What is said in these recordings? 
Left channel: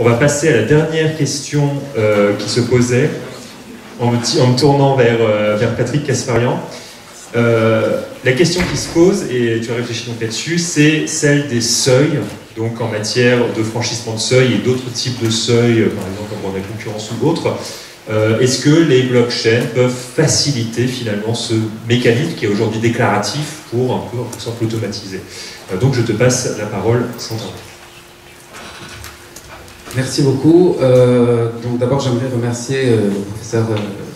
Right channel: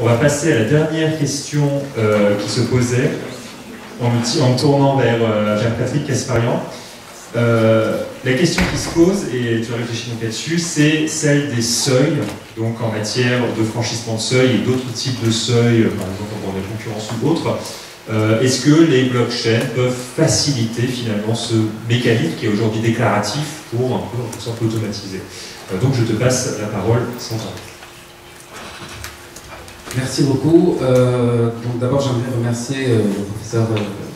On va passer à la dernière question qui se posait en me tournant vers Patrick Casparian. La question qui se pose, et tu as réfléchi donc là-dessus, c'est celle des seuils, donc en matière de franchissement de seuil et d'autres types de seuils, par exemple en droit de la concurrence ou autres. Est-ce que les blockchains peuvent faciliter finalement ce mécanisme qui est aujourd'hui déclaratif pour un peu, en simple, automatiser? Donc je te passe la parole, Sandra. Merci beaucoup. Donc d'abord, j'aimerais remercier le professeur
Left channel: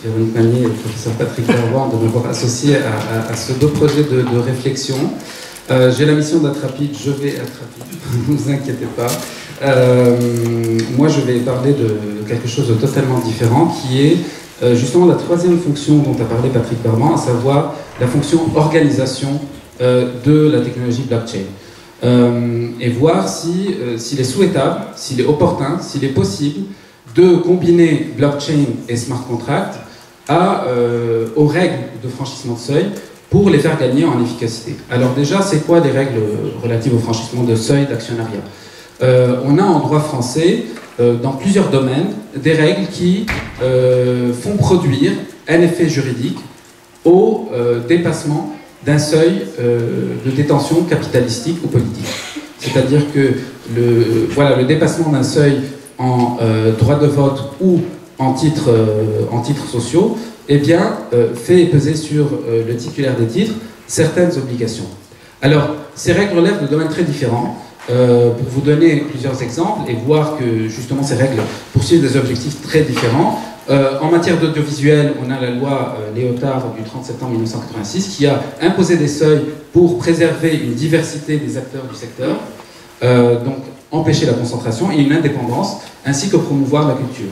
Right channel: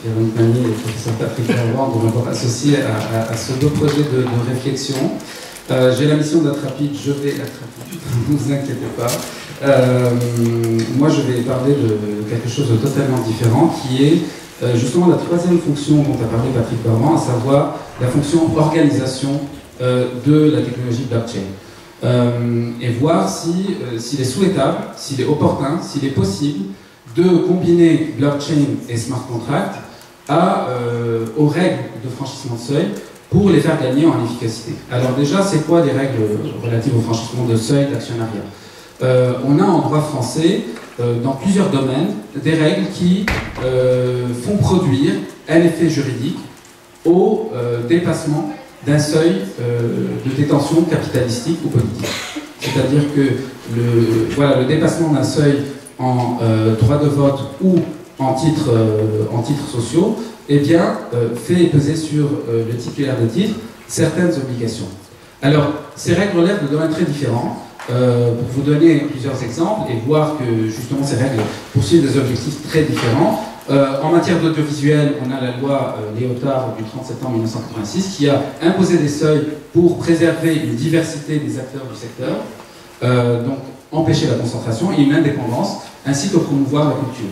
Véronique Magnier et le professeur Patrick Verboin de m'avoir associé à ce beau projet de réflexion. J'ai la mission d'être rapide, je vais être rapide, ne vous inquiétez pas. Moi, je vais parler de quelque chose de totalement différent, qui est justement la troisième fonction dont a parlé Patrick Verboin, à savoir la fonction organisation de la technologie blockchain. Et voir s'il est souhaitable, s'il est opportun, s'il est possible de combiner blockchain et smart contract aux règles de franchissement de seuil pour les faire gagner en efficacité. Alors déjà, c'est quoi les règles relatives au franchissement de seuil d'actionnariat? On a en droit français, dans plusieurs domaines, des règles qui font produire un effet juridique au dépassement d'un seuil de détention capitalistique ou politique. C'est-à-dire que le dépassement d'un seuil en droit de vote ou en titres sociaux, eh bien, fait peser sur le titulaire des titres certaines obligations. Alors, ces règles relèvent de domaines très différents. Pour vous donner plusieurs exemples et voir que justement ces règles poursuivent des objectifs très différents. En matière d'audiovisuel, on a la loi Léotard du 30 septembre 1986 qui a imposé des seuils pour préserver une diversité des acteurs du secteur, donc empêcher la concentration et une indépendance, ainsi que promouvoir la culture.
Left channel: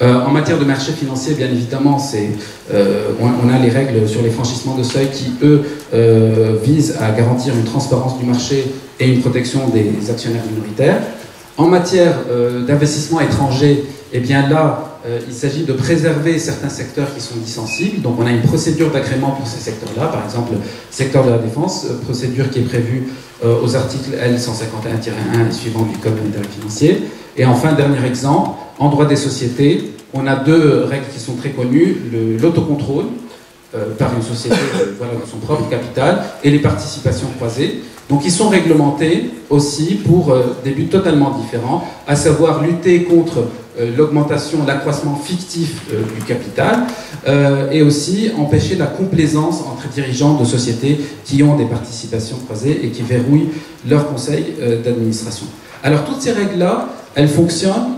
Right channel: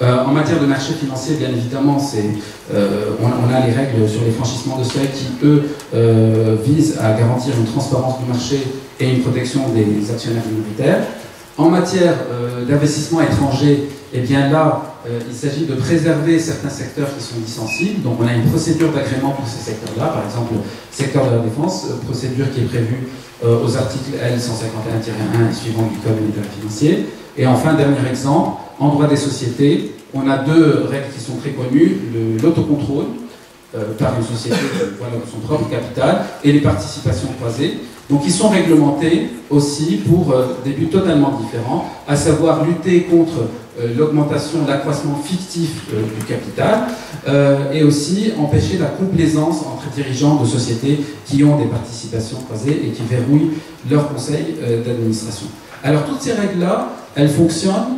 En matière de marché financier, bien évidemment, on a les règles sur les franchissements de seuil qui, eux, visent à garantir une transparence du marché et une protection des actionnaires minoritaires. En matière d'investissement étranger, eh bien là, il s'agit de préserver certains secteurs qui sont dits sensibles. Donc on a une procédure d'agrément pour ces secteurs-là, par exemple, secteur de la défense, procédure qui est prévue aux articles L151-1 et suivants du Code monétaire et financier. Et enfin, dernier exemple, en droit des sociétés, on a deux règles qui sont très connues, l'autocontrôle par une société de son propre capital et les participations croisées. Donc ils sont réglementés aussi pour des buts totalement différents, à savoir lutter contre l'augmentation, l'accroissement fictif du capital et aussi empêcher la complaisance entre dirigeants de sociétés qui ont des participations croisées et qui verrouillent leur conseil d'administration. Alors toutes ces règles-là, elles fonctionnent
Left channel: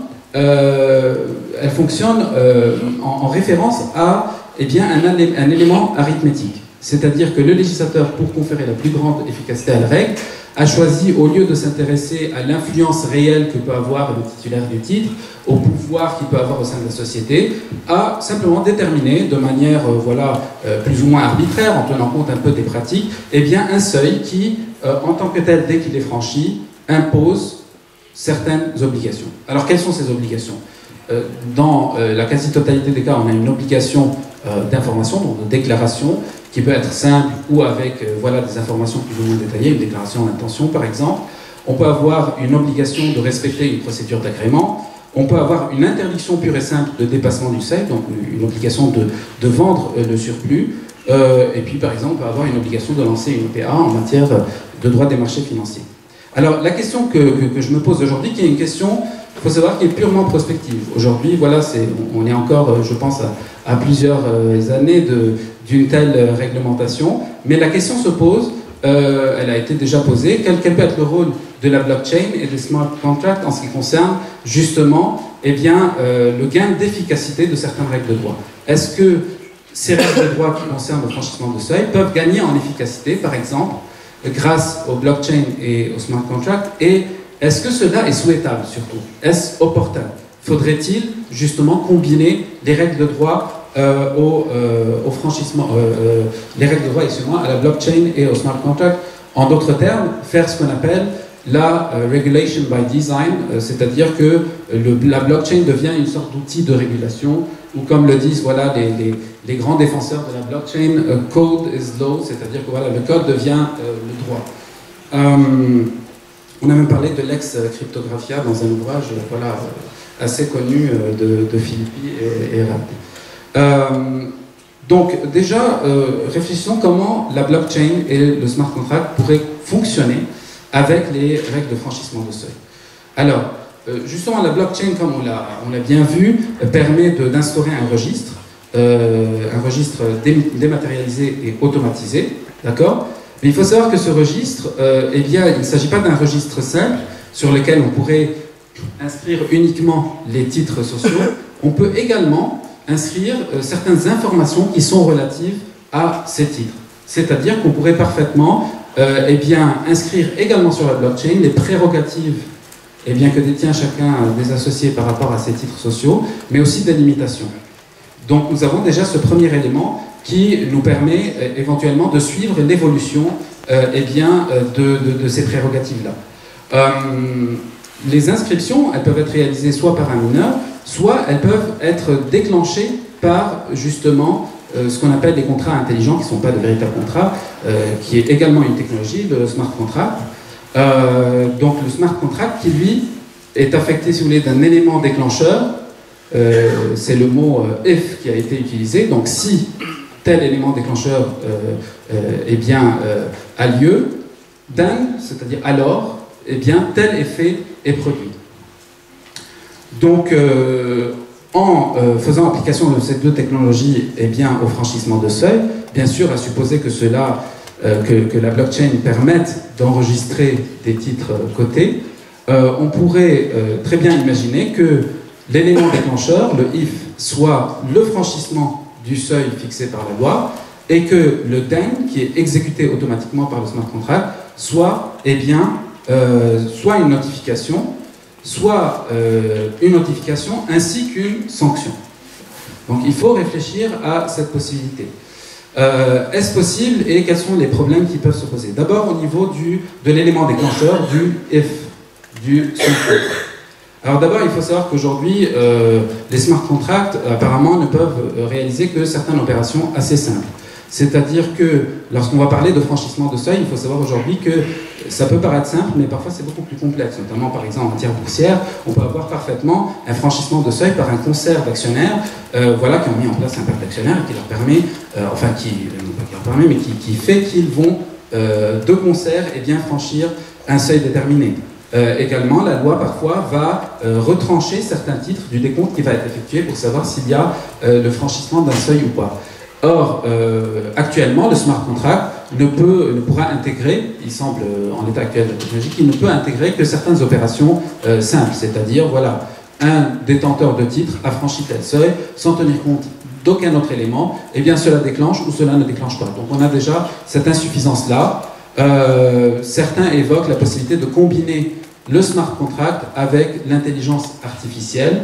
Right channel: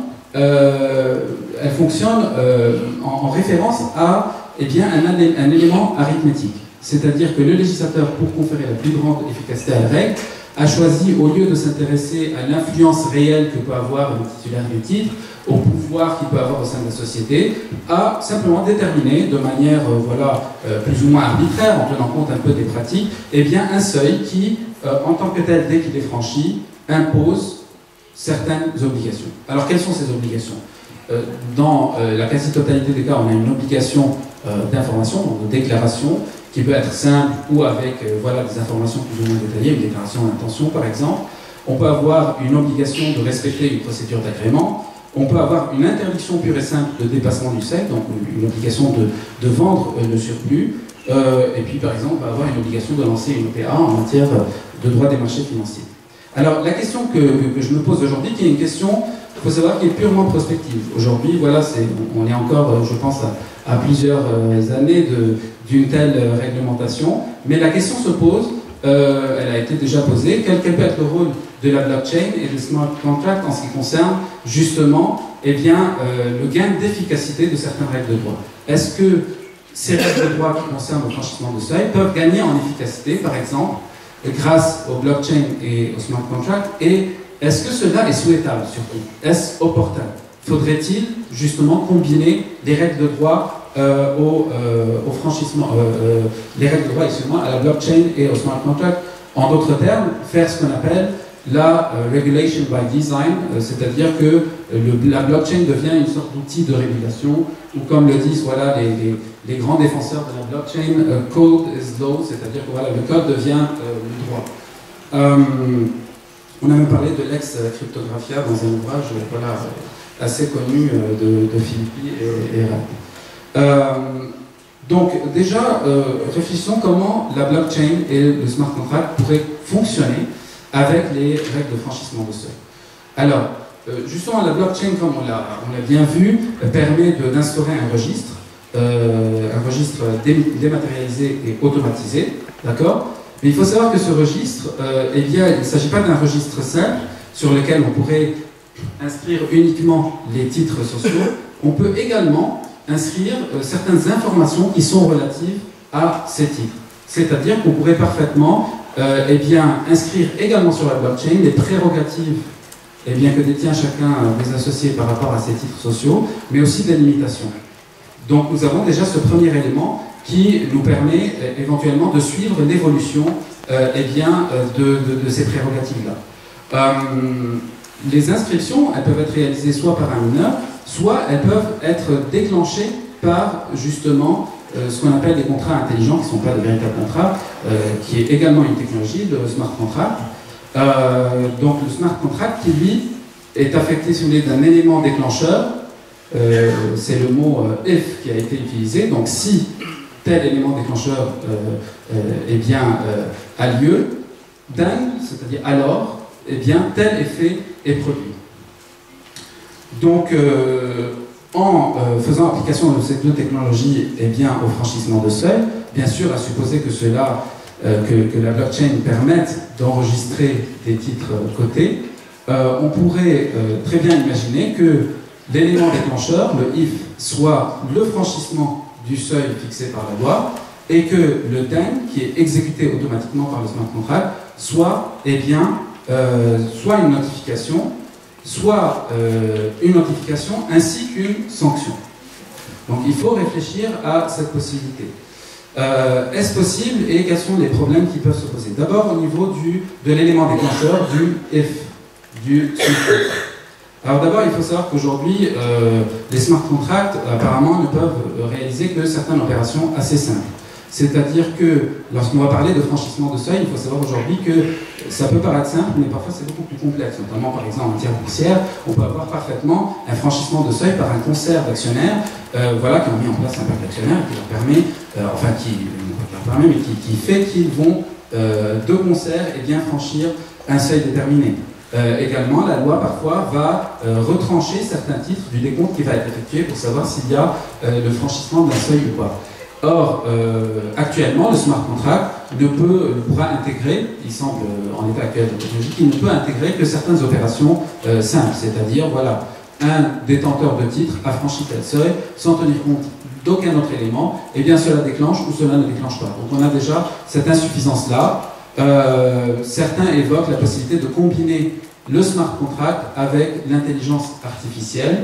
en référence à un élément arithmétique. C'est-à-dire que le législateur, pour conférer la plus grande efficacité à la règle, a choisi, au lieu de s'intéresser à l'influence réelle que peut avoir le titulaire du titre, au pouvoir qu'il peut avoir au sein de la société, a simplement déterminé de manière plus ou moins arbitraire, en tenant compte un peu des pratiques, eh bien un seuil qui, en tant que tel, dès qu'il est franchi, impose certaines obligations. Alors quelles sont ces obligations? Dans la quasi-totalité des cas, on a une obligation d'information, donc de déclaration, qui peut être simple ou avec des informations plus ou moins détaillées, une déclaration d'intention par exemple. On peut avoir une obligation de respecter une procédure d'agrément. On peut avoir une interdiction pure et simple de dépassement du seuil, donc une obligation de vendre le surplus. Et puis par exemple, on peut avoir une obligation de lancer une OPA en matière de droit des marchés financiers. Alors la question que je me pose aujourd'hui, qui est une question, il faut savoir, qui est purement prospective. Aujourd'hui, on est encore, je pense, à plusieurs années d'une telle réglementation, mais la question se pose, elle a été déjà posée, quel peut être le rôle de la blockchain et des smart contracts en ce qui concerne justement le gain d'efficacité de certaines règles de droit. Est-ce que ces règles de droit qui concernent le franchissement de seuil peuvent gagner en efficacité, par exemple, grâce au blockchain et au smart contract, et est-ce que cela est souhaitable surtout? Est-ce opportun? Faudrait-il justement combiner les règles de droit au franchissement, les règles de droit, à la blockchain et au smart contract? En d'autres termes, faire ce qu'on appelle la regulation by design, c'est-à-dire que la blockchain devient une sorte d'outil de régulation, ou comme le disent les grands défenseurs de la blockchain, code is law, c'est-à-dire que le code devient le droit. On a même parlé de l'ex-cryptographia dans un ouvrage voilà, assez connu de Filippi et Rapp. Donc déjà, réfléchissons comment la blockchain et le smart contract pourraient fonctionner avec les règles de franchissement de seuil. Alors, justement, la blockchain, comme on l'a bien vu, permet d'instaurer un registre dématérialisé et automatisé, d'accord? Mais il faut savoir que ce registre, eh bien, il ne s'agit pas d'un registre simple sur lequel on pourrait inscrire uniquement les titres sociaux. On peut également inscrire certaines informations qui sont relatives à ces titres. C'est-à-dire qu'on pourrait parfaitement eh bien, inscrire également sur la blockchain les prérogatives eh bien, que détient chacun des associés par rapport à ces titres sociaux, mais aussi des limitations. Donc nous avons déjà ce premier élément qui nous permet éventuellement de suivre l'évolution eh bien, de ces prérogatives-là. Les inscriptions, elles peuvent être réalisées soit par un mineur, soit elles peuvent être déclenchées par justement ce qu'on appelle des contrats intelligents, qui ne sont pas de véritables contrats, qui est également une technologie, le smart contract. Donc le smart contract qui, lui, est affecté, si vous voulez, d'un élément déclencheur. C'est le mot if qui a été utilisé. Donc si tel élément déclencheur eh bien, a lieu, then, c'est-à-dire alors, eh bien, tel effet est produit. Donc, en faisant application de ces deux technologies eh bien, au franchissement de seuil, bien sûr, à supposer que que la blockchain permette d'enregistrer des titres cotés, on pourrait très bien imaginer que l'élément déclencheur, le if, soit le franchissement du seuil fixé par la loi, et que le then, qui est exécuté automatiquement par le smart contract, soit, eh bien, soit une notification, ainsi qu'une sanction. Donc il faut réfléchir à cette possibilité. Est-ce possible et quels sont les problèmes qui peuvent se poser? D'abord au niveau de l'élément déclencheur du if, du smart contract. Alors d'abord, il faut savoir qu'aujourd'hui, les smart contracts, apparemment, ne peuvent réaliser que certaines opérations assez simples. C'est-à-dire que, lorsqu'on va parler de franchissement de seuil, il faut savoir aujourd'hui que ça peut paraître simple, mais parfois c'est beaucoup plus complexe. Notamment, par exemple, en matière boursière, on peut avoir parfaitement un franchissement de seuil par un concert d'actionnaires voilà, qui ont mis en place un pacte d'actionnaires qui leur permet, enfin, qui fait qu'ils vont, de concert, eh bien, franchir un seuil déterminé. Également, la loi parfois va retrancher certains titres du décompte qui va être effectué pour savoir s'il y a le franchissement d'un seuil ou pas. Or, actuellement, le smart contract ne pourra intégrer, il semble en l'état actuel de la technologie, qu'il ne peut intégrer que certaines opérations simples, c'est-à-dire, voilà, un détenteur de titre a franchi tel seuil sans tenir compte d'aucun autre élément, et bien cela déclenche ou cela ne déclenche pas. Donc on a déjà cette insuffisance-là. Certains évoquent la possibilité de combiner le smart contract avec l'intelligence artificielle.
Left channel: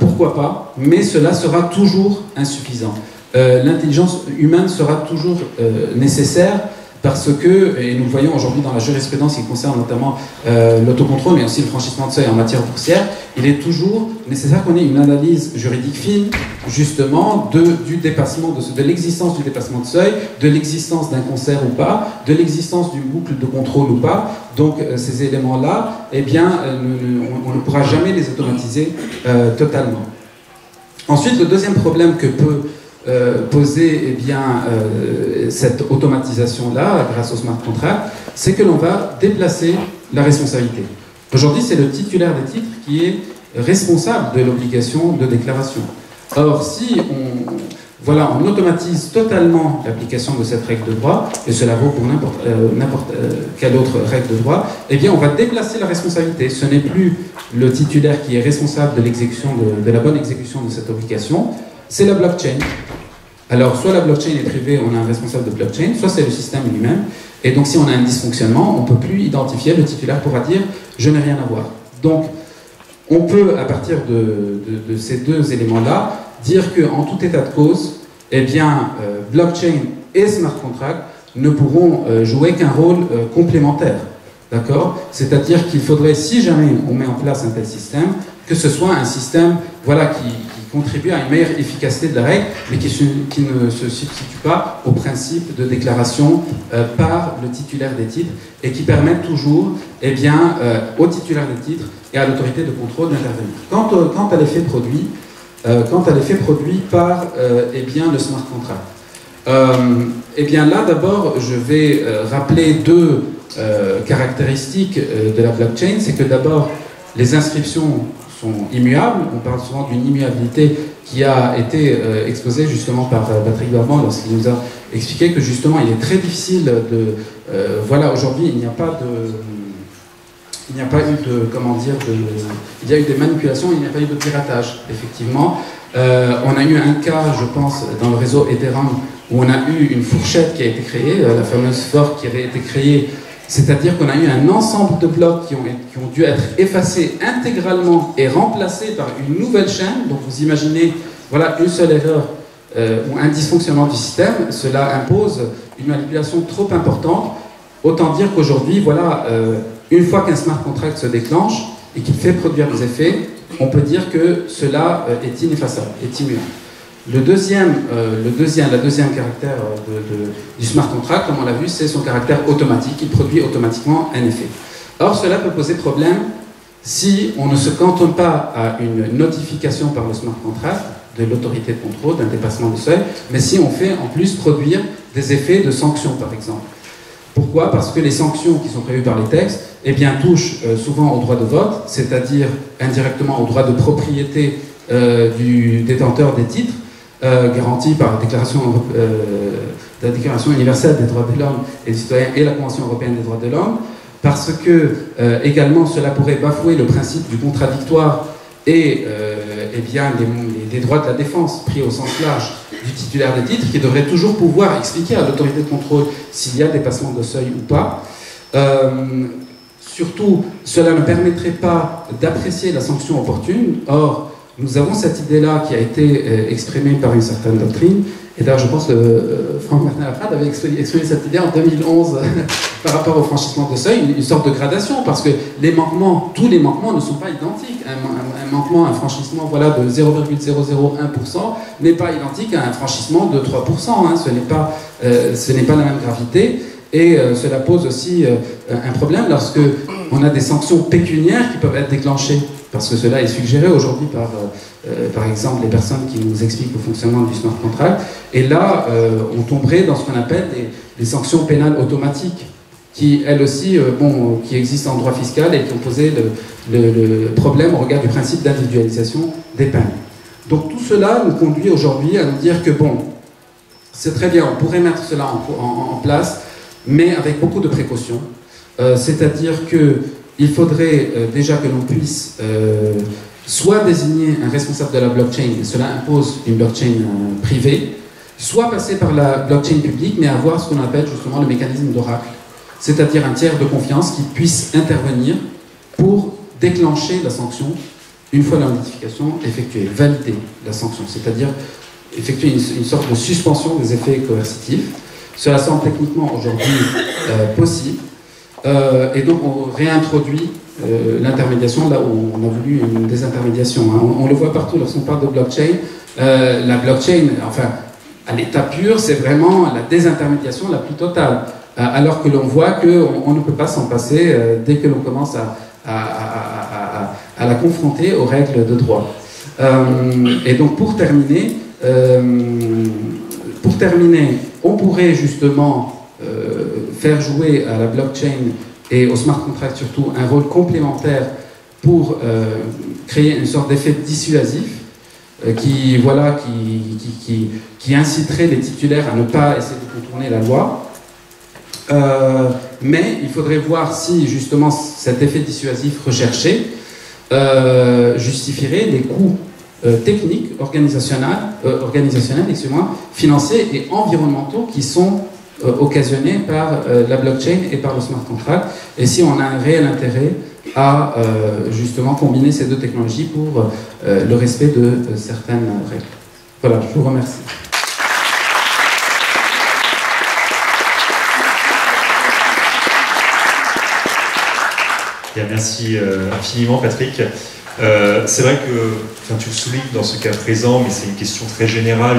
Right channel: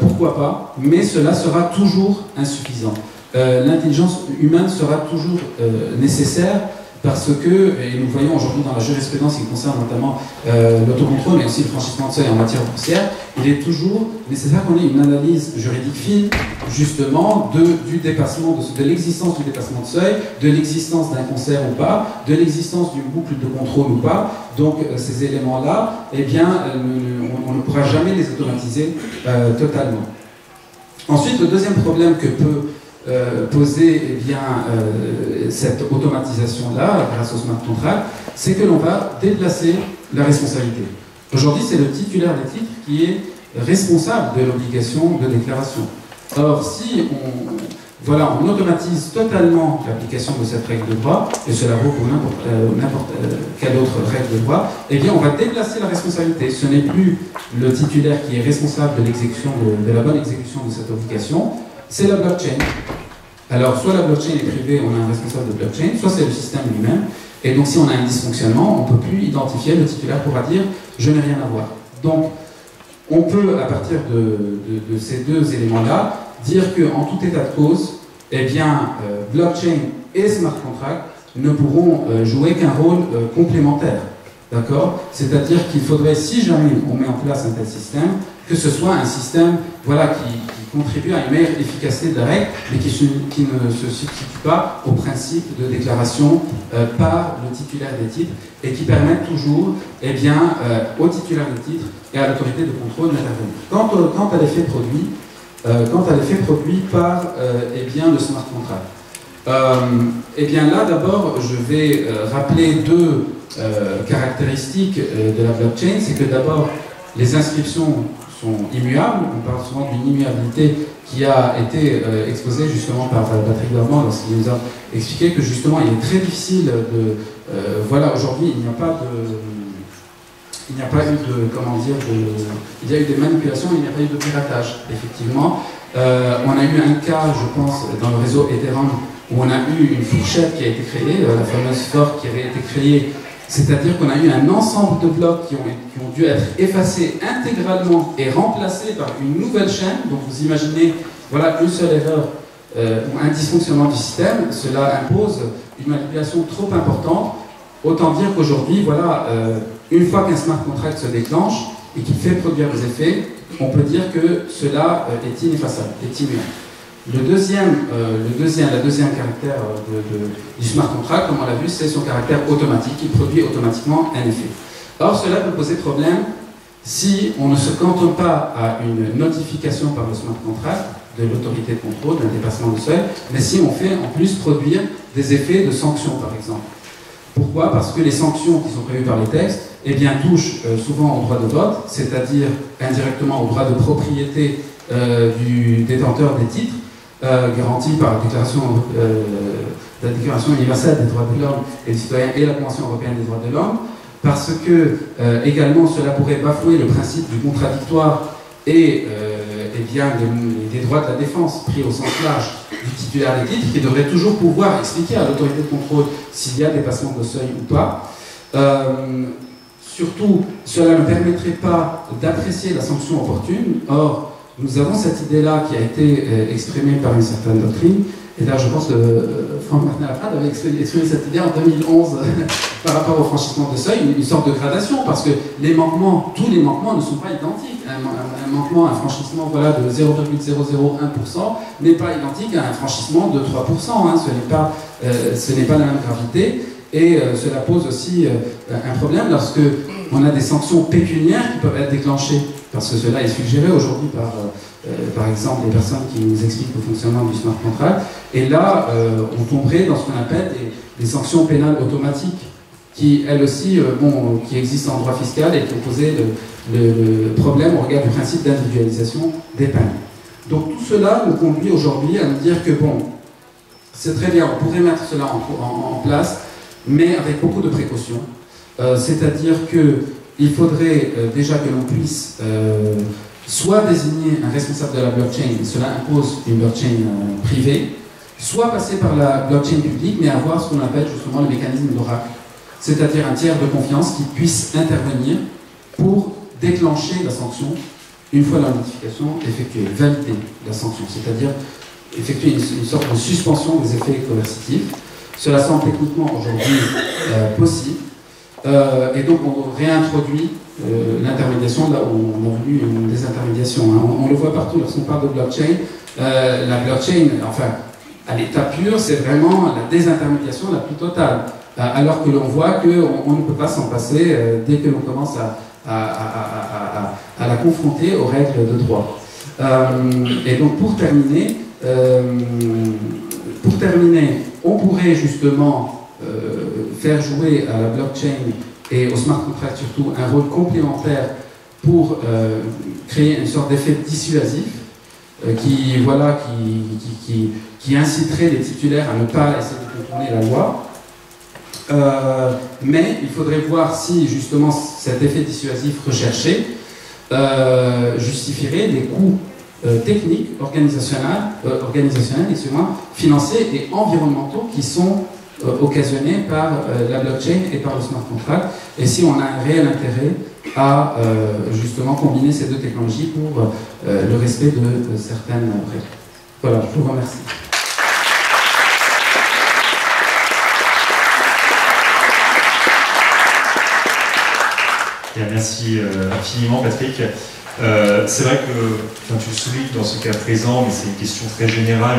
Pourquoi pas? Mais cela sera toujours insuffisant. L'intelligence humaine sera toujours nécessaire parce que, et nous le voyons aujourd'hui dans la jurisprudence qui concerne notamment l'autocontrôle mais aussi le franchissement de seuil en matière boursière, il est toujours nécessaire qu'on ait une analyse juridique fine justement du dépassement, de l'existence du dépassement de seuil, de l'existence d'un concert ou pas, de l'existence d'une boucle de contrôle ou pas. Donc ces éléments-là, eh bien, on ne pourra jamais les automatiser totalement. Ensuite, le deuxième problème que peut poser eh bien, cette automatisation-là, grâce au smart contract, c'est que l'on va déplacer la responsabilité. Aujourd'hui, c'est le titulaire des titres qui est responsable de l'obligation de déclaration. Or, si on automatise totalement l'application de cette règle de droit, et cela vaut pour n'importe quelle autre règle de droit, eh bien, on va déplacer la responsabilité. Ce n'est plus le titulaire qui est responsable de l'exécution, de la bonne exécution de cette obligation, c'est la blockchain. Alors, soit la blockchain est privée, on a un responsable de blockchain, soit c'est le système lui-même. Et donc, si on a un dysfonctionnement, on ne peut plus identifier, le titulaire pourra dire « je n'ai rien à voir ». Donc, on peut, à partir de ces deux éléments-là, dire qu'en tout état de cause, eh bien, blockchain et smart contract ne pourront jouer qu'un rôle complémentaire. D'accord? C'est-à-dire qu'il faudrait, si jamais on met en place un tel système, que ce soit un système voilà, qui contribue à une meilleure efficacité de la règle, mais qui ne se substitue pas au principe de déclaration par le titulaire des titres et qui permettent toujours au titulaire des titres et à l'autorité de contrôle d'intervenir. Quant à l'effet produit, par le smart contract. Là, d'abord, je vais rappeler deux caractéristiques de la blockchain. C'est que d'abord, les inscriptions sont immuables. On parle souvent d'une immuabilité qui a été exposée justement par Patrick Barban lorsqu'il nous a expliqué que justement, il est très difficile de... aujourd'hui, il n'y a pas eu il y a eu des manipulations, il n'y a pas eu de piratage, effectivement. On a eu un cas, je pense, dans le réseau Ethereum, où on a eu une fourchette qui a été créée, la fameuse fork qui avait été créée, c'est-à-dire qu'on a eu un ensemble de blocs qui ont dû être effacés intégralement et remplacés par une nouvelle chaîne. Donc vous imaginez, voilà, une seule erreur ou un dysfonctionnement du système, cela impose une manipulation trop importante. Autant dire qu'aujourd'hui, voilà, une fois qu'un smart contract se déclenche et qu'il fait produire des effets, on peut dire que cela est ineffaçable, est immuable. La deuxième caractère du smart contract, comme on l'a vu, c'est son caractère automatique. Il produit automatiquement un effet. Or, cela peut poser problème si on ne se cantonne pas à une notification par le smart contract de l'autorité de contrôle d'un dépassement de seuil, mais si on fait en plus produire des effets de sanctions, par exemple. Pourquoi? Parce que les sanctions qui sont prévues par les textes touchent souvent au droit de vote, c'est-à-dire indirectement au droit de propriété du détenteur des titres, garanti par la Déclaration universelle des droits de l'homme et du citoyen et la Convention européenne des droits de l'homme, parce que également cela pourrait bafouer le principe du contradictoire et des droits de la défense pris au sens large du titulaire des titres, qui devrait toujours pouvoir expliquer à l'autorité de contrôle s'il y a dépassement de seuil ou pas. Surtout, cela ne permettrait pas d'apprécier la sanction opportune. Or, nous avons cette idée-là qui a été exprimée par une certaine doctrine. Et là, je pense que Franck Martin Laprade avait exprimé cette idée en 2011 par rapport au franchissement de seuil, une sorte de gradation, parce que tous les manquements ne sont pas identiques. Un franchissement de 0,001% n'est pas identique à un franchissement de 3%. Ce n'est pas la même gravité. Et cela pose aussi un problème lorsque on a des sanctions pécuniaires qui peuvent être déclenchées, parce que cela est suggéré aujourd'hui par exemple, les personnes qui nous expliquent le fonctionnement du smart contract. Et là, on tomberait dans ce qu'on appelle des sanctions pénales automatiques, qui, elles aussi, qui existent en droit fiscal et qui ont posé le problème au regard du principe d'individualisation des peines. Donc tout cela nous conduit aujourd'hui à nous dire que, c'est très bien, on pourrait mettre cela en place, mais avec beaucoup de précautions. C'est-à-dire qu'il faudrait déjà que l'on puisse soit désigner un responsable de la blockchain, et cela impose une blockchain privée, soit passer par la blockchain publique, mais avoir ce qu'on appelle justement le mécanisme d'oracle, c'est-à-dire un tiers de confiance qui puisse intervenir pour déclencher la sanction une fois la notification effectuée, valider la sanction, c'est-à-dire effectuer une sorte de suspension des effets coercitifs. Cela semble techniquement aujourd'hui possible. Et donc on réintroduit l'intermédiation là où on a voulu une désintermédiation. On le voit partout lorsqu'on parle de blockchain. La blockchain, enfin, à l'état pur, c'est vraiment la désintermédiation la plus totale. Alors que l'on voit qu'on ne peut pas s'en passer dès que l'on commence à la confronter aux règles de droit. Et donc pour terminer, on pourrait justement faire jouer à la blockchain et au smart contract surtout un rôle complémentaire pour créer une sorte d'effet dissuasif qui inciterait les titulaires à ne pas essayer de contourner la loi. Mais il faudrait voir si justement cet effet dissuasif recherché justifierait des coûts techniques, organisationnels, financiers et environnementaux qui sont occasionnés par la blockchain et par le smart contract, et si on a un réel intérêt à justement combiner ces deux technologies pour le respect de certaines règles. Voilà, je vous remercie. Bien, merci infiniment Patrick. C'est vrai que, enfin, tu le soulignes dans ce cas présent, mais c'est une question très générale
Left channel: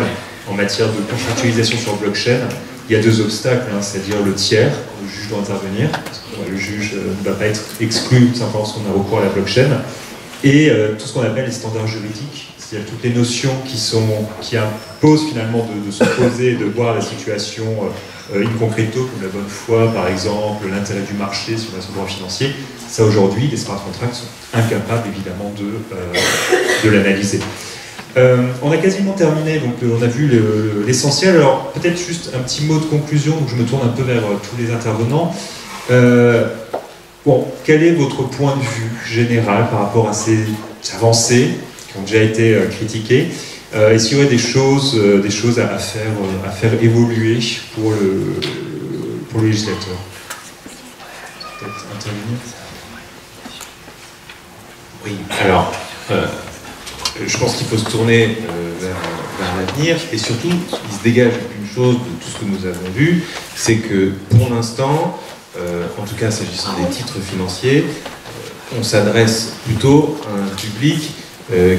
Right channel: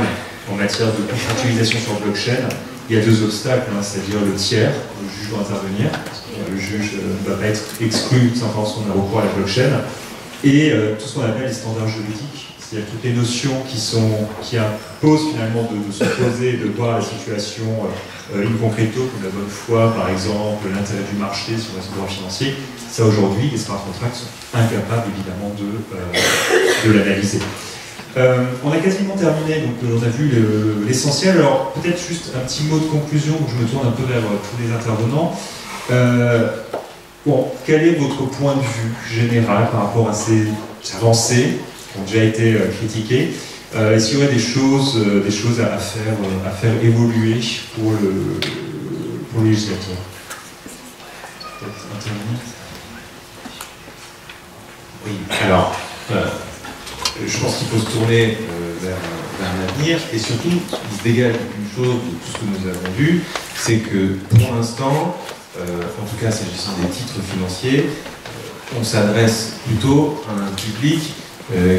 en matière de contractualisation sur blockchain. Il y a deux obstacles, hein, c'est-à-dire le tiers, le juge doit intervenir, parce que le juge ne va pas être exclu simplement parce qu'on a recours à la blockchain, et tout ce qu'on appelle les standards juridiques, c'est-à-dire toutes les notions qui imposent finalement de se poser, de voir la situation in concreto, comme la bonne foi par exemple, l'intérêt du marché sur le droit financier. Ça aujourd'hui, les smart contracts sont incapables évidemment de l'analyser. On a quasiment terminé, donc on a vu l'essentiel. Alors peut-être juste un petit mot de conclusion, donc je me tourne un peu vers tous les intervenants. Bon, quel est votre point de vue général par rapport à ces avancées qui ont déjà été critiquées? Est-ce qu'il y aurait des choses à faire évoluer pour le législateur? Peut-être intervenir. Oui, alors, je pense qu'il faut se tourner vers l'avenir, et surtout, il se dégage une chose de tout ce que nous avons vu, c'est que pour l'instant, en tout cas s'agissant des titres financiers, on s'adresse plutôt à un public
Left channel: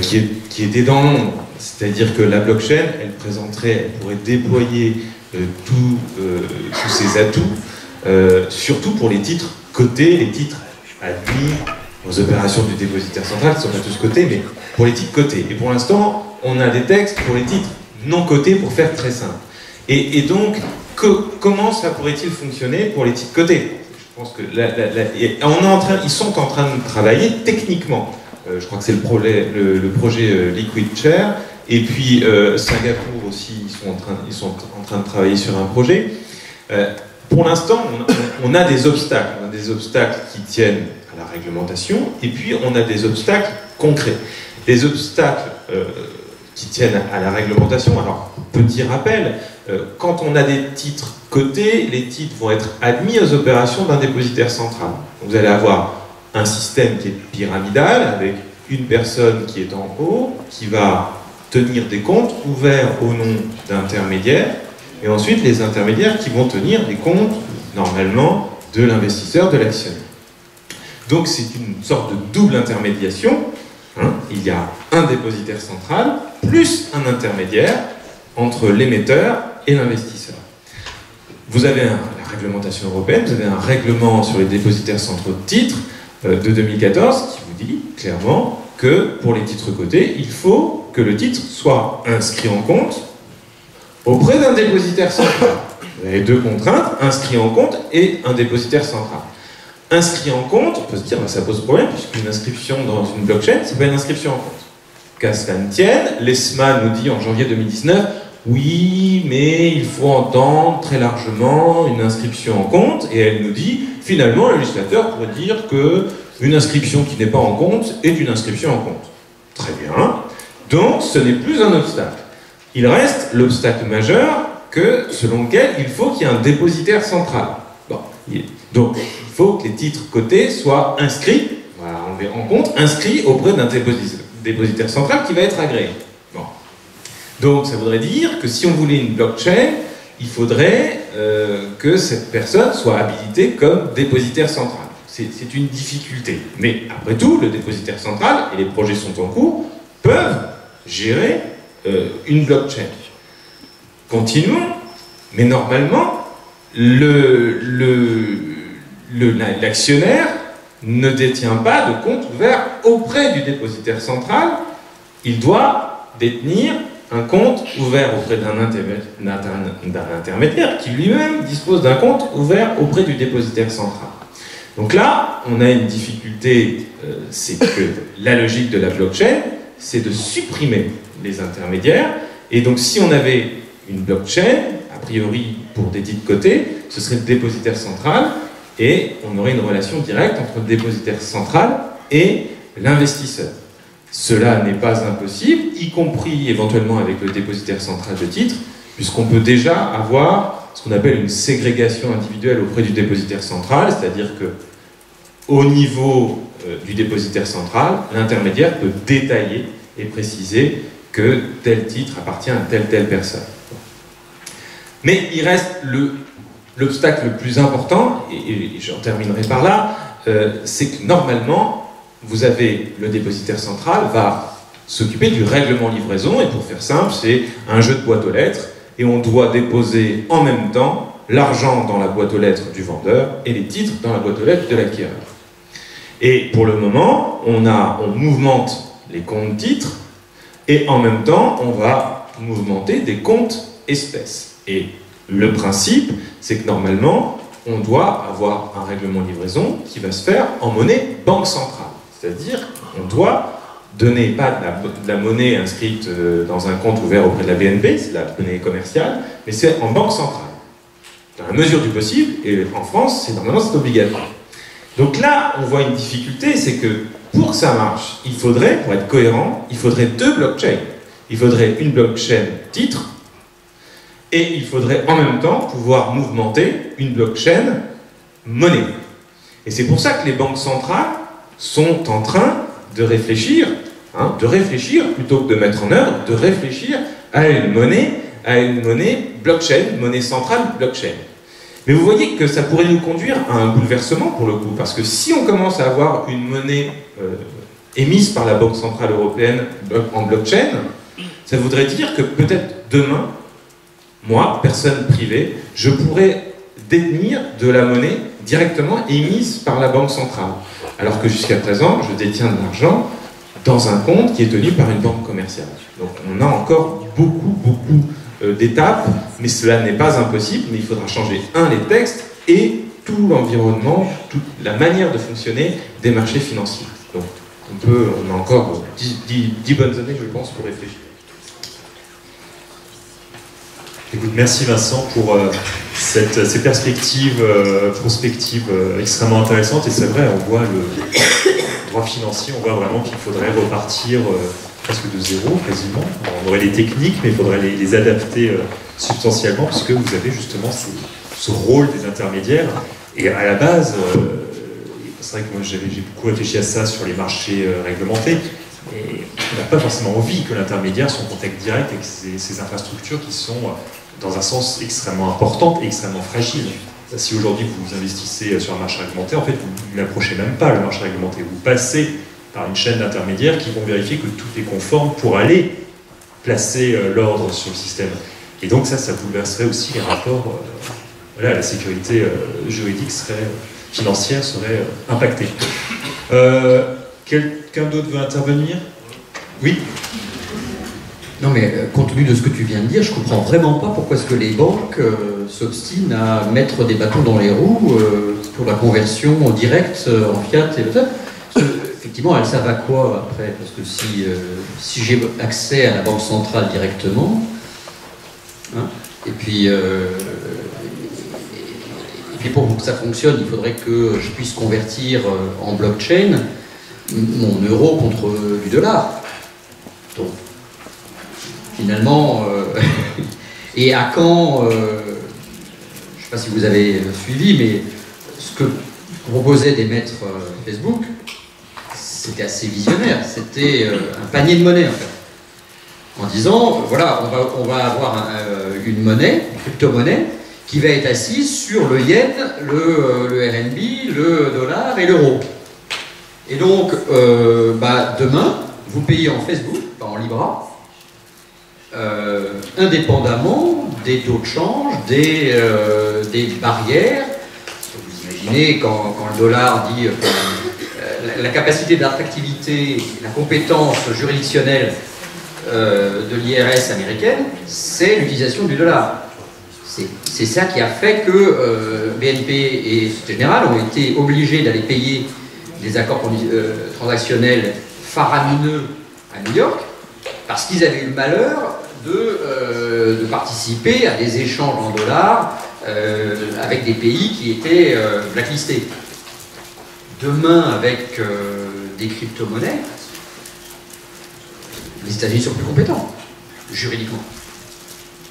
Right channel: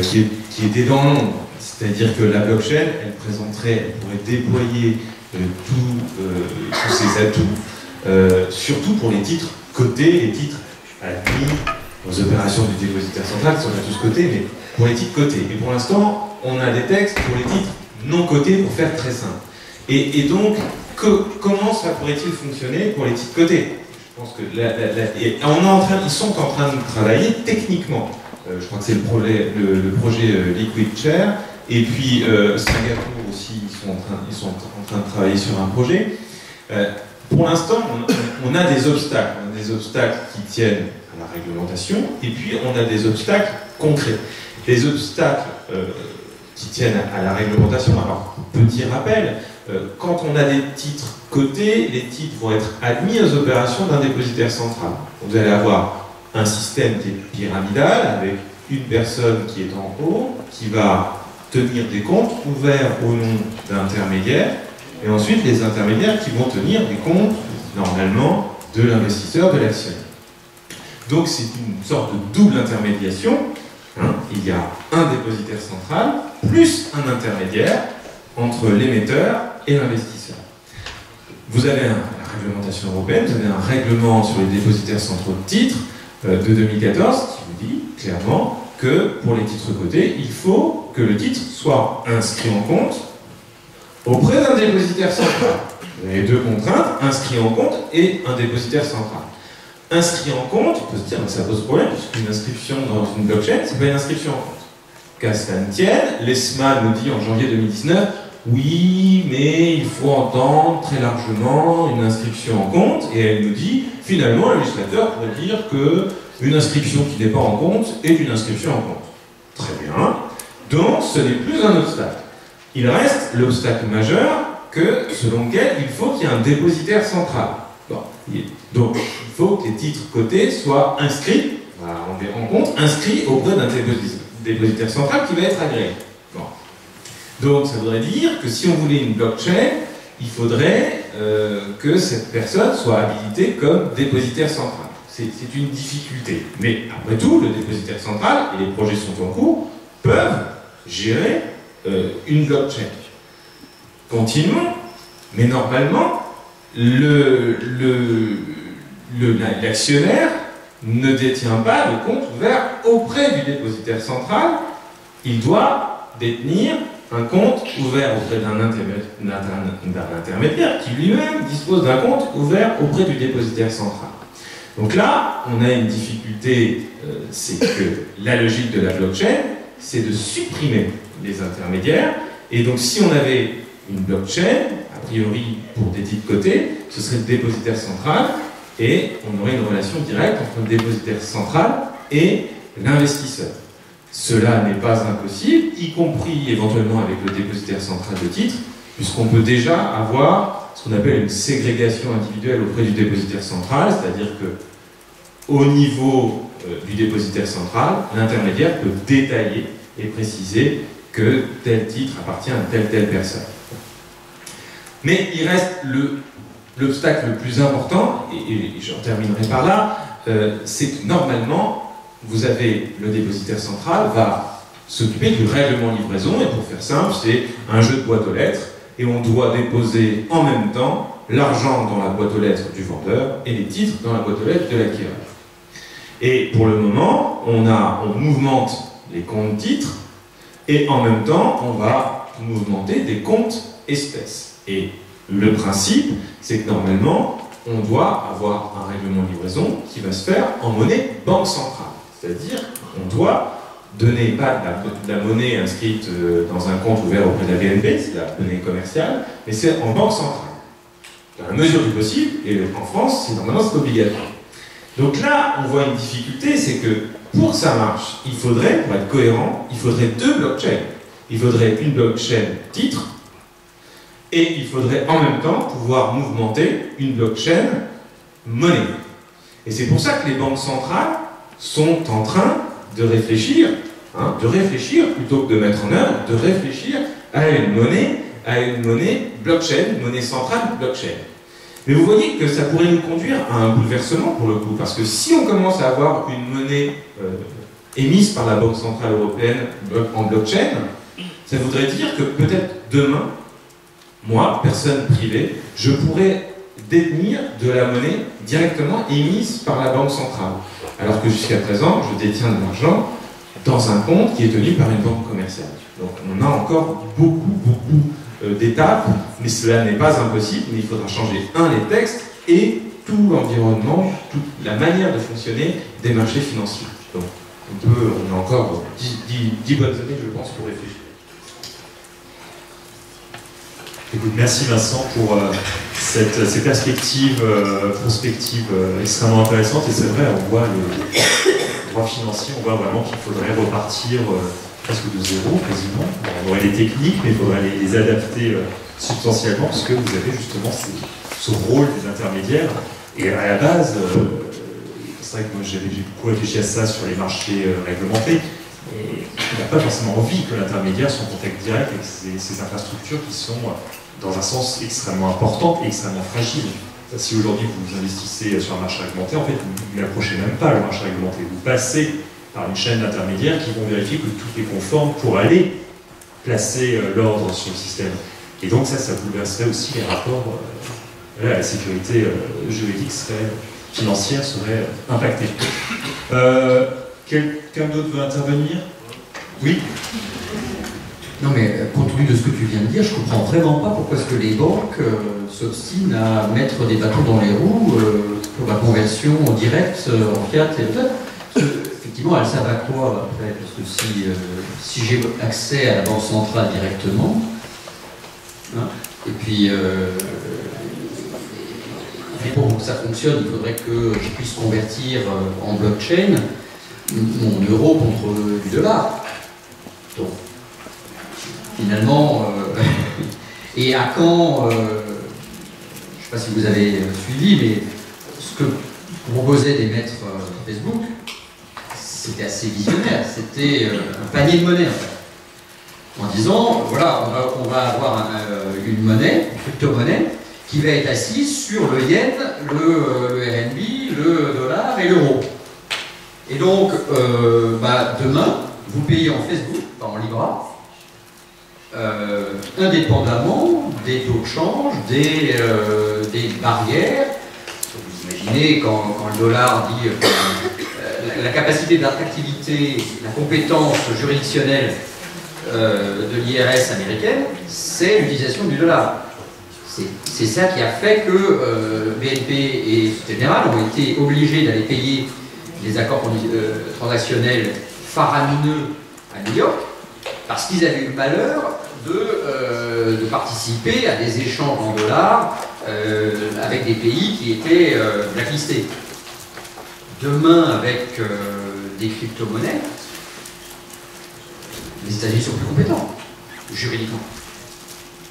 qui est dans l'ombre. C'est-à-dire que la blockchain, elle pourrait déployer tous ses atouts, surtout pour les titres cotés, les titres admis aux opérations du dépositaire central, qui ne sont pas tous cotés, mais pour les titres cotés. Et pour l'instant, on a des textes pour les titres non cotés, pour faire très simple. Et donc, comment ça pourrait-il fonctionner pour les titres cotés? Je pense que ils sont en train de travailler techniquement. Je crois que c'est le projet Liquid Chair. Et puis Singapour aussi, ils sont en train de travailler sur un projet. Pour l'instant, on a des obstacles. On a des obstacles qui tiennent à la réglementation, et puis on a des obstacles concrets. Les obstacles qui tiennent à la réglementation, alors petit rappel, quand on a des titres cotés, les titres vont être admis aux opérations d'un dépositaire central. Donc vous allez avoir un système qui est pyramidal, avec une personne qui est en haut, qui va tenir des comptes ouverts au nom d'intermédiaires, et ensuite les intermédiaires qui vont tenir des comptes, normalement, de l'investisseur, de l'actionnaire. Donc c'est une sorte de double intermédiation. Il y a un dépositaire central, plus un intermédiaire entre l'émetteur et l'investisseur. Vous avez la réglementation européenne, vous avez un règlement sur les dépositaires centraux de titres de 2014 qui vous dit clairement que pour les titres cotés, il faut que le titre soit inscrit en compte auprès d'un dépositaire central. Vous avez deux contraintes, inscrit en compte et un dépositaire central. Inscrit en compte, on peut se dire que ça pose problème, puisqu'une inscription dans une blockchain, c'est pas une inscription en compte. Qu'à cela ne tienne, l'ESMA nous dit en janvier 2019, oui, mais il faut entendre très largement une inscription en compte, et elle nous dit, finalement, le législateur pourrait dire qu'une inscription qui n'est pas en compte est une inscription en compte. Très bien. Donc, ce n'est plus un obstacle. Il reste l'obstacle majeur selon lequel il faut qu'il y ait un dépositaire central. Bon. Donc, il faut que les titres cotés soient inscrits, voilà, on les rend compte, inscrits auprès d'un dépositaire central qui va être agréé. Bon. Donc, ça voudrait dire que si on voulait une blockchain, il faudrait que cette personne soit habilitée comme dépositaire central. C'est une difficulté. Mais après tout, le dépositaire central, et les projets sont en cours, peuvent gérer une blockchain. Continuons, mais normalement, l'actionnaire ne détient pas de compte ouvert auprès du dépositaire central. Il doit détenir un compte ouvert auprès d'un intermédiaire qui lui-même dispose d'un compte ouvert auprès du dépositaire central. Donc là, on a une difficulté, c'est que la logique de la blockchain, c'est de supprimer les intermédiaires. Et donc si on avait une blockchain, a priori pour des titres cotés, ce serait le dépositaire central, et on aurait une relation directe entre le dépositaire central et l'investisseur. Cela n'est pas impossible, y compris éventuellement avec le dépositaire central de titres, puisqu'on peut déjà avoir ce qu'on appelle une ségrégation individuelle auprès du dépositaire central, c'est-à-dire que au niveau du dépositaire central, l'intermédiaire peut détailler et préciser que tel titre appartient à telle personne. Mais il reste l'obstacle le plus important, et j'en terminerai par là, c'est que normalement, vous avez le dépositaire central va s'occuper du règlement livraison, et pour faire simple, c'est un jeu de boîte aux lettres, et on doit déposer en même temps l'argent dans la boîte aux lettres du vendeur et les titres dans la boîte aux lettres de l'acquéreur. Et pour le moment, on mouvemente les comptes titres, et en même temps, on va mouvementer des comptes espèces. Et le principe, c'est que normalement, on doit avoir un règlement de livraison qui va se faire en monnaie banque centrale. C'est-à-dire qu'on doit donner pas de la monnaie inscrite dans un compte ouvert auprès de la BNP, c'est de la monnaie commerciale, mais c'est en banque centrale. Dans la mesure du possible, et en France, normalement c'est obligatoire. Donc là, on voit une difficulté, c'est que pour que ça marche, il faudrait, pour être cohérent, il faudrait deux blockchains. Il faudrait une blockchain titre, et il faudrait en même temps pouvoir mouvementer une blockchain monnaie. Et c'est pour ça que les banques centrales sont en train de réfléchir plutôt que de mettre en œuvre, de réfléchir à une monnaie blockchain, monnaie centrale blockchain. Mais vous voyez que ça pourrait nous conduire à un bouleversement pour le coup, parce que si on commence à avoir une monnaie émise par la Banque Centrale Européenne en blockchain, ça voudrait dire que peut-être demain, moi, personne privée, je pourrais détenir de la monnaie directement émise par la Banque Centrale. Alors que jusqu'à présent, je détiens de l'argent dans un compte qui est tenu par une banque commerciale. Donc on a encore beaucoup d'étapes, mais cela n'est pas impossible, mais il faudra changer, les textes et tout l'environnement, toute la manière de fonctionner des marchés financiers. Donc on a encore 10 bonnes années, je pense, pour réfléchir. Écoute, merci Vincent pour ces perspectives prospectives extrêmement intéressantes. Et c'est vrai, on voit le droit financier, on voit vraiment qu'il faudrait repartir presque de zéro, quasiment. On aurait les techniques, mais il faudrait les adapter substantiellement, parce que vous avez justement ce rôle des intermédiaires. Et à la base, c'est vrai que moi j'ai beaucoup réfléchi à ça sur les marchés réglementés. Et on n'a pas forcément envie que l'intermédiaire soit en contact direct avec ces infrastructures qui sont, dans un sens, extrêmement importantes et extrêmement fragiles. Si aujourd'hui vous investissez sur un marché réglementé, en fait, vous n'approchez même pas le marché réglementé. Vous passez par une chaîne d'intermédiaires qui vont vérifier que tout est conforme pour aller placer l'ordre sur le système. Et donc ça bouleverserait aussi les rapports. La sécurité juridique financière serait impactée. Quelqu'un d'autre veut intervenir? Oui. Non mais compte tenu de ce que tu viens de dire, je comprends vraiment pas pourquoi est-ce que les banques s'obstinent à mettre des bâtons dans les roues pour la conversion directe en fiat et tout. Effectivement, elles savent à quoi après? Parce que si j'ai accès à la banque centrale directement, et puis pour que ça fonctionne, il faudrait que je puisse convertir en blockchain mon euro contre du dollar. Donc, finalement, et à quand, je ne sais pas si vous avez suivi, mais ce que proposait d'émettre Facebook, c'était assez visionnaire. C'était un panier de monnaie, en fait. En disant, voilà, on va avoir une monnaie, une crypto-monnaie, qui va être assise sur le yen, le RMB, le dollar et l'euro. Et donc, demain, vous payez en Facebook, pas en Libra, indépendamment des taux de change, des barrières. Vous imaginez quand le dollar dit la capacité d'attractivité, la compétence juridictionnelle de l'IRS américaine, c'est l'utilisation du dollar. C'est ça qui a fait que BNP et Société Générale ont été obligés d'aller payer des accords transactionnels faramineux à New York, parce qu'ils avaient eu le malheur de participer à des échanges en dollars avec des pays qui étaient blacklistés. Demain, avec des crypto-monnaies, les États-Unis sont plus compétents, juridiquement.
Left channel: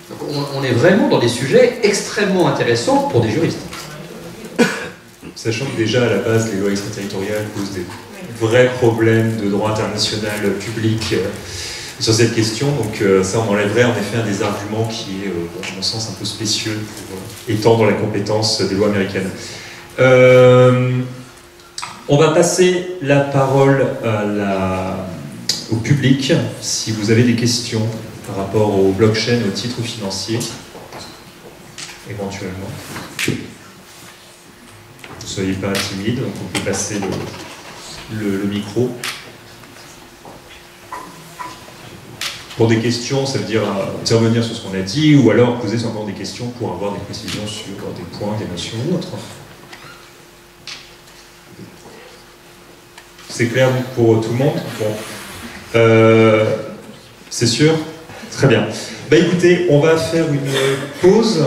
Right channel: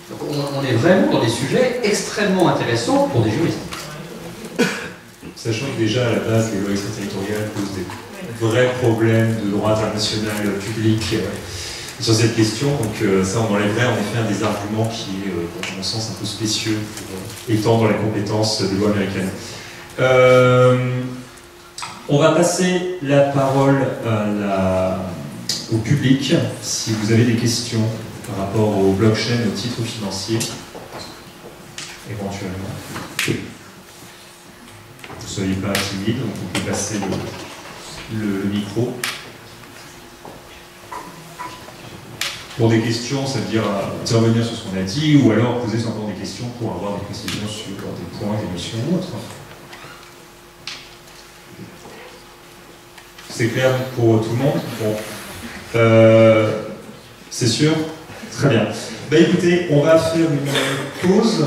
Donc on est vraiment dans des sujets extrêmement intéressants pour des juristes. Sachant que déjà à la base les lois extraterritoriales posent des vrais problèmes de droit international public sur cette question, donc ça on enlèverait en effet un des arguments qui est à mon sens un peu spécieux pour étendre la compétence des lois américaines. On va passer la parole au public, si vous avez des questions par rapport au blockchain, aux titres financiers, éventuellement. Ne soyez pas timide, donc on peut passer le micro. Pour des questions, ça veut dire intervenir sur ce qu'on a dit, ou alors poser encore des questions pour avoir des précisions sur des points, des notions ou autres. C'est clair pour tout le monde? Bon. C'est sûr? Très bien. Bah écoutez, on va faire une pause.